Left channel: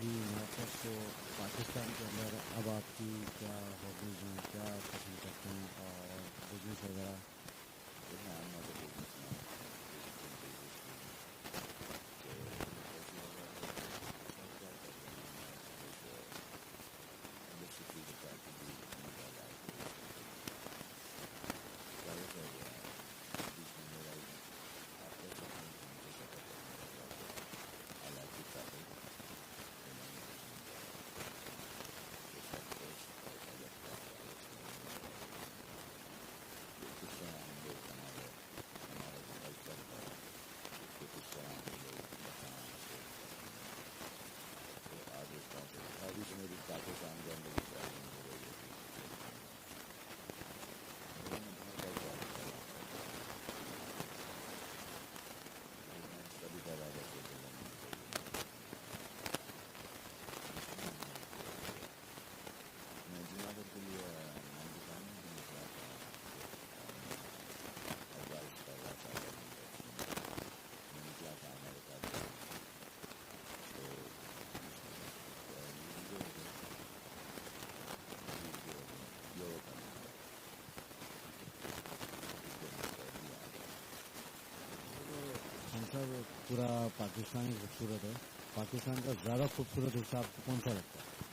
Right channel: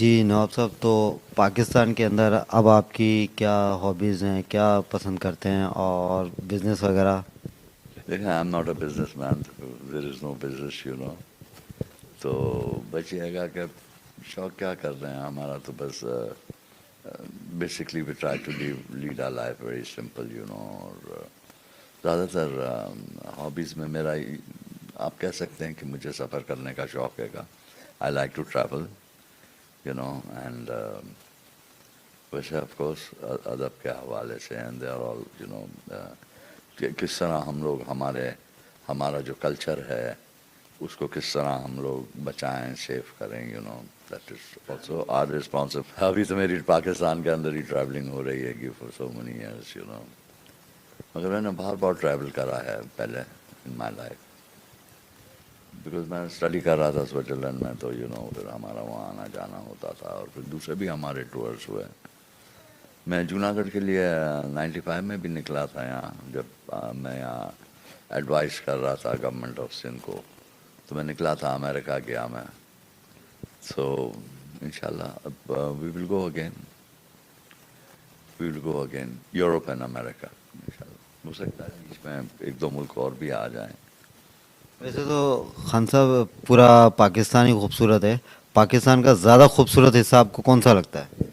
جی نواب صاحب، تو پاکستان کے اندر اب آپ کی کیا ہابیز ہیں، کیا پسند کرتے ہیں اور بزنس وغیرہ؟ دیکھیں I am not a business man, there is no business تو بس یہ ہے کہ شوق کیا کر رہے ہیں ہمارا، تو بس basically we try to lead our life very simple اور زیادہ تر ہابیز میں میرا آپ کہہ سکتے ہیں کہ مجھے سفر کرنے کا شوق ہے گا. I like to travel and ویسے آف کورس ادب کے حوالے سے اینڈ دے آر آل کس طرح ہم لوگ ہمارا جو کلچر ہے اس کو کس طرح ہم لوگ بچائیں، سیف کریں، that is also our responsible. ابھی تو میری پاکستان کے اندر ہی ٹریولنگ ہو رہی ہے کہ فار سو مینی ایئرس مگر میں نے باہر ٹریول کرا ہے پہلے ان مائی لائف، بیکاز میں اسٹڈی کر رہا تھا سوئٹزرلینڈ میں، تو پھر ہمارا وہاں آنا جانا ہوتا تھا اور پھر دوسرے بھی ہمارے ٹورس ہوئے. میں جوناگڑھ کے لیے 95 میں بھی نکلا تھا یہاں، جب میں یہاں ایڈوائز کر رہا تھا گورنمنٹ آف سندھ کو، تو میں نکلا تھا، امریکہ گیا میں. سو انشاءاللہ اب وی ول گو اگین یورپ اینڈ امریکہ انشاءاللہ. ہو سکتا ہے اس میں ایک دو ملک اور بھی آ جائیں. ویسے تو خان صاحب پورا پاکستان ہی خوبصورت ہے، پاکستان کا زیادہ خوبصورت حصہ آپ کو کون سا لگتا ہے؟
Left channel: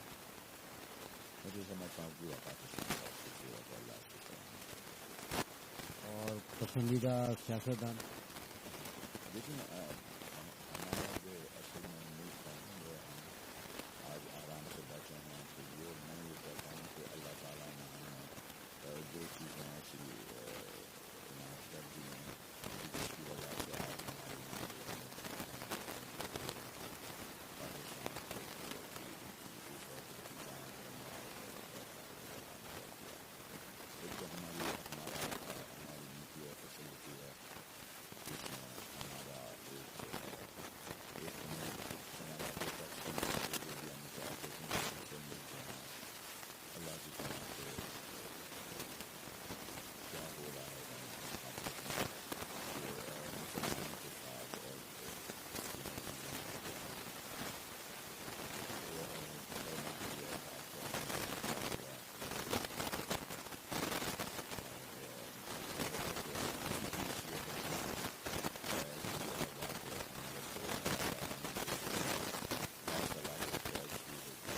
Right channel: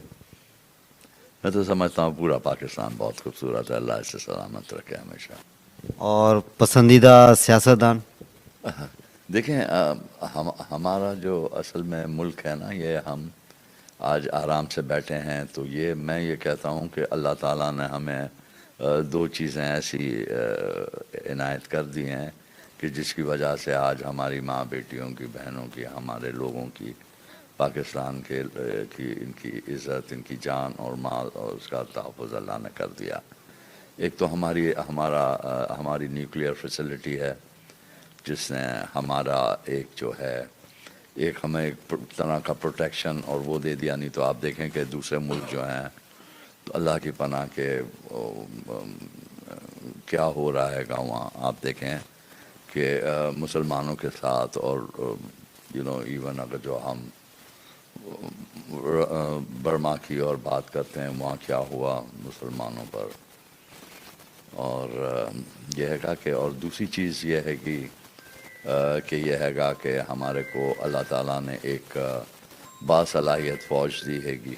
میں تو سمجھتا ہوں پورا پاکستان بہت خوبصورت ہے، اللہ اسے سلامت رکھے ہمیشہ. اور پسندیدہ سیاستدان؟ دیکھیں ہمارا جو اصل میں ملک ہے نا، یہ ہم آج آرام سے بیٹھے ہیں، تو میں یہ کہتا ہوں کہ اللہ تعالیٰ نے ہمیں دو چیزیں ایسی عنایت کر دی ہیں کہ جس کی وجہ سے آج ہماری ماں بیٹیوں کی، بہنوں کی، ہمارے لوگوں کی، پاکستان کی ان کی عزت، ان کی جان اور مال اور اس کا تحفظ اللہ نے کر دیا. ایک تو ہماری نیوکلیئر فیسلٹی ہے، جس نے ہمارا ایک ہمیں ایک طرح کا پروٹیکشن اور وہ دے دیا. نہیں تو آپ دیکھیں کہ دوسرے ملک جو ہیں تو اللہ کی پناہ کے کیا ہو رہا ہے گا وہاں. آپ دیکھیں کہ مسلمانوں کے ساتھ اور ایون اگر جو ہم برما کی اور بات کرتے ہیں، وہاں کیا ہوا مسلمانوں پر. اور یہ ہے گا کہ اور دوسری چیز یہ ہے کہ یہ ہے گا کہ ہمارے کو اللہ تعالیٰ نے ایک باصلاحیت فوج دی ہے گی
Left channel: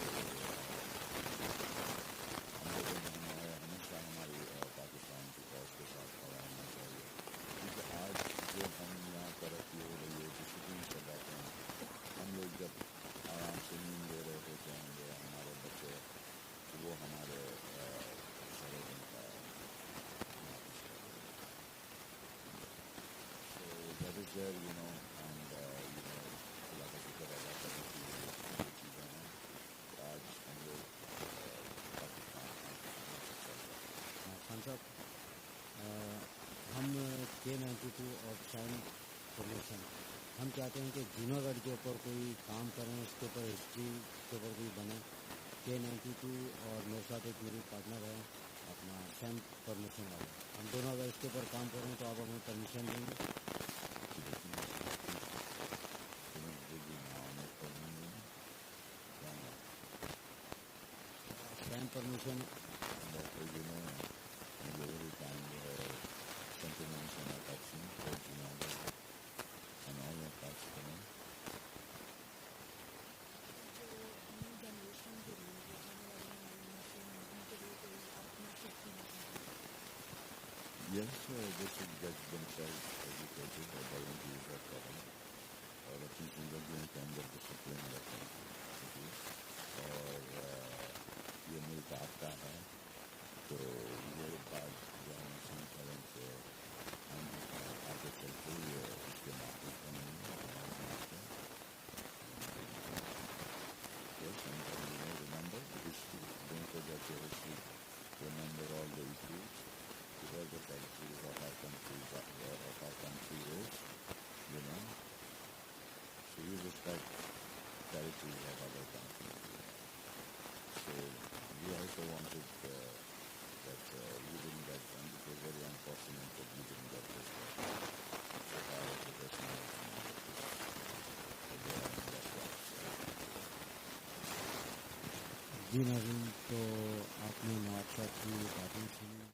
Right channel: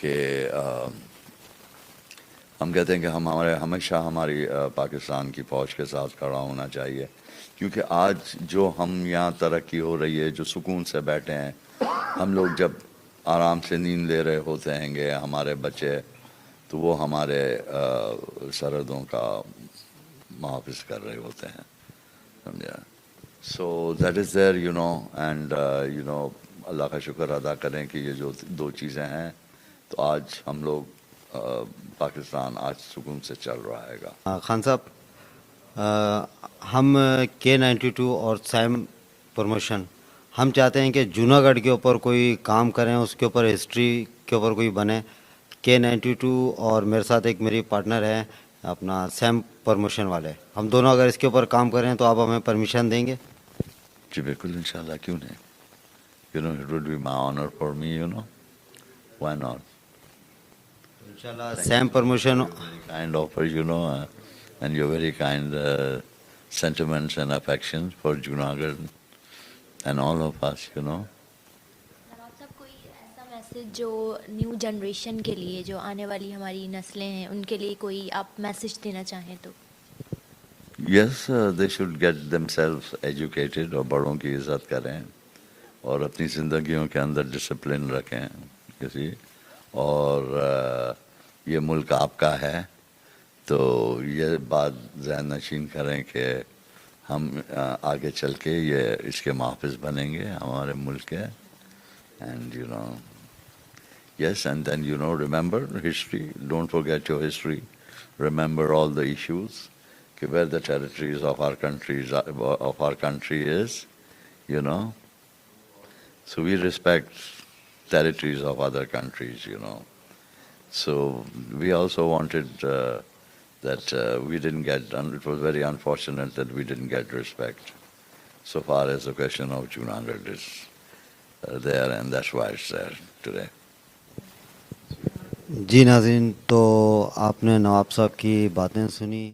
کہ ہم کہتے ہیں کہ ہمیشہ ہماری پاکستان کی فوج کے ساتھ کھڑا ہونا چاہیے، کیونکہ آج جو ہم یہاں ترقی ہو رہی ہے، جو سکون سے بیٹھے ہیں ہم لوگ، جب آرام سے نیند لے رہے ہوتے ہیں گے ہمارے بچے، تو وہ ہمارے سرحدوں کا محافظ کر رہے ہوتے ہیں، سمجھا. So that is there and اللہ کا شکر ادا کریں کہ یہ جو دو چیزیں ہیں، تو آج ہم لوگ پاکستان آج سکون سے چل رہا ہے گا. خان صاحب، ہم K92 اور سیم پروموشن ہم چاہتے ہیں کہ جوناگڑھ کے اوپر کوئی کام کریں، اس کے اوپر ہسٹری کے اوپر کوئی بنے. K92 اور میرے ساتھ ایک میری پارٹنر ہے اپنا سیم پروموشن والے، ہم دونوں اگر اس کے اوپر کام کریں تو آپ ہمیں پرمیشن دیں گے؟ جی بالکل، انشاءاللہ، کیوں نہیں. it would be my honor for me, why not. انشاءاللہ same promotion. Kind offer, and your very kind sentiments and affections for Junagadh and all of us, نواب صاحب، کوئی ایسا میسج جو نیو جنریشن کے لیے، جو آنے والی ہماری نسلیں ہیں، ان کے لیے کوئی آپ میسج دینا چاہیں تو؟ Yes, they should get themselves educated اور بڑوں کی عزت کریں اور اپنی زندگیوں کے اندر ڈسپلن رکھیں اور یہ ملک آپ کا ہے، تو یہ بات ذہن نشین کریں کہ ہم آگے چل کے اس کے محافظ بنیں گے ہمارے ملک کے. And yes, and then remember history, don't forget your history, remember all the issues, where the territories of our country is, so we respect territories of other countries, so we also wanted that we didn't get, and it was very unfortunate that we didn't get respect so far as the question of Junagadh is there, and that's why it's there today. جی ناظرین، تو آپ نے نواب صاحب کی باتیں سنی.